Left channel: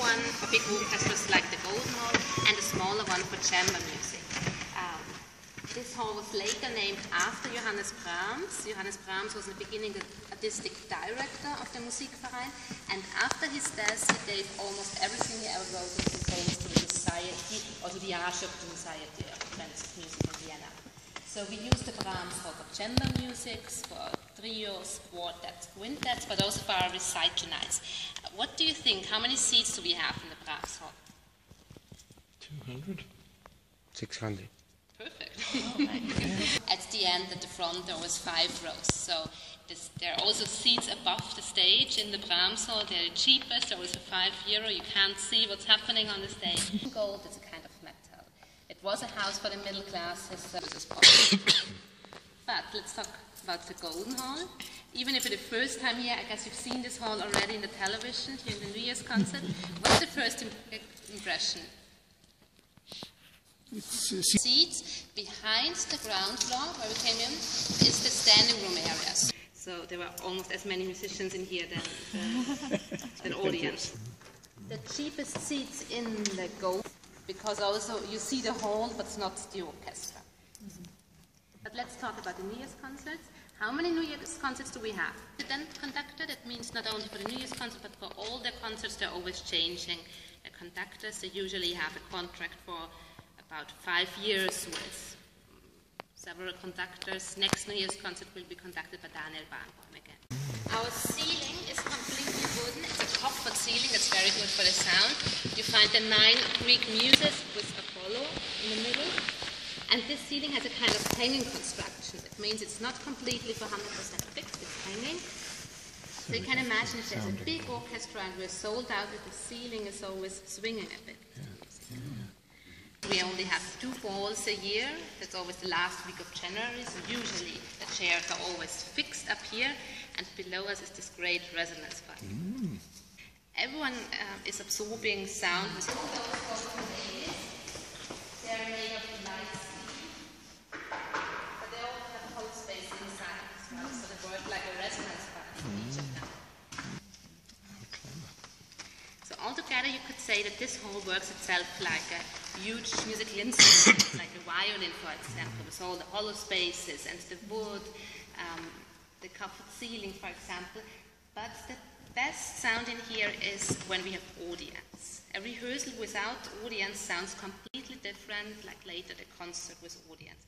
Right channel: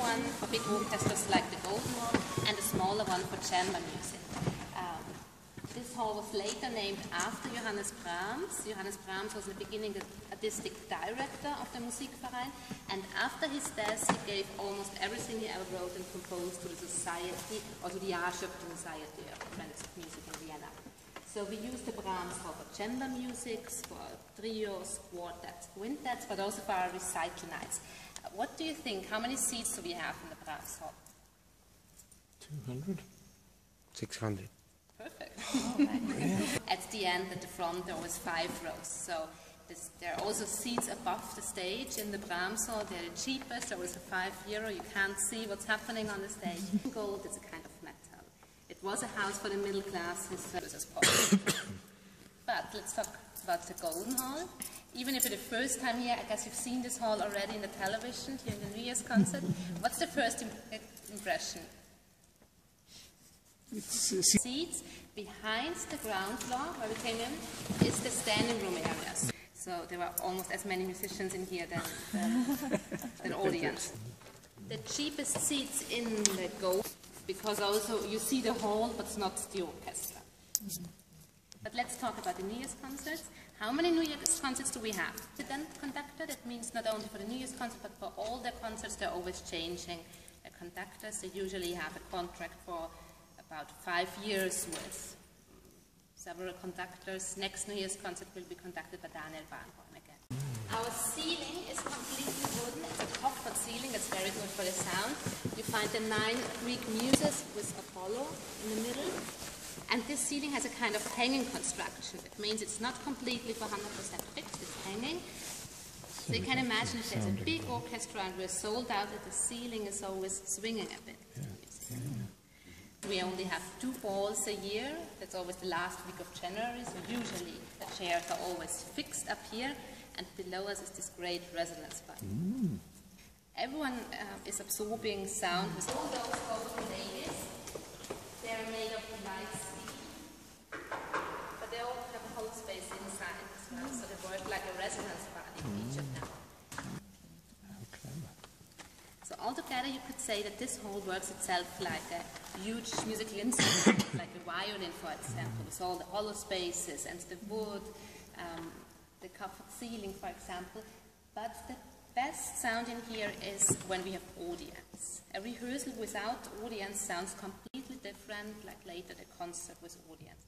one for big orchestras like the Golden Hall, and a smaller one for chamber music. This hall was later named after Johannes Brahms. Johannes Brahms was in the beginning the artistic director of the Musikverein, and after his death he gave almost everything he ever wrote and composed to the society, or to the Architecture Society of Friends of Music in Vienna. So we use the Brahms hall for chamber music, for trios, quartets, quintets, but also for our recital nights. What do you think? How many seats do we have in the Brahms hall? 200? 600. Perfect. At the end, at the front, there was 5 rows. So there are also seats above the stage in the Brahms hall. They're the cheapest. They're also €5. You can't see what's happening on the stage. Gold is a kind of metal. It was a house for the middle classes. But let's talk about the Golden Hall. Even if it's the first time here, I guess you've seen this hall already in the television, here in the New Year's concert. What's the first impression? Seats behind the ground floor, where we came in, is the standing room area. So there were almost as many musicians in here than audience. The cheapest seats in the Gold, because also you see the hall, but not the orchestra. But let's talk about the New Year's concerts. How many New Year's concerts do we have? The conductor, that means not only for the New Year's concert, but for all their concerts, they're always changing the conductors. They usually have a contract for about 5 years with several conductors. Next New Year's concert will be conducted by Daniel Barenboim again. Our ceiling is completely wooden. It's a copper ceiling that's very good for the sound. You find the 9 Greek muses with Apollo in the middle. And this ceiling has a kind of hanging construction. It means it's not completely for 100% fixed, it's hanging. So you can imagine if there's a big orchestra and we're sold out that the ceiling is always swinging a bit. We only have 2 balls a year. That's always the last week of January. So usually the chairs are always fixed up here, and below us is this great resonance pipe. Everyone is absorbing sound with all those golden ladies. They're made of light steel, but they all have a hollow space inside as well, so they work like a resonance pipe in each of them. So altogether, you could say that this hall works itself like a huge musical instrument, like a violin, for example, with all the hollow spaces and the wood, the covered ceiling, for example. But the best sound in here is when we have audience. A rehearsal without audience sounds completely different, like later the concert with audience.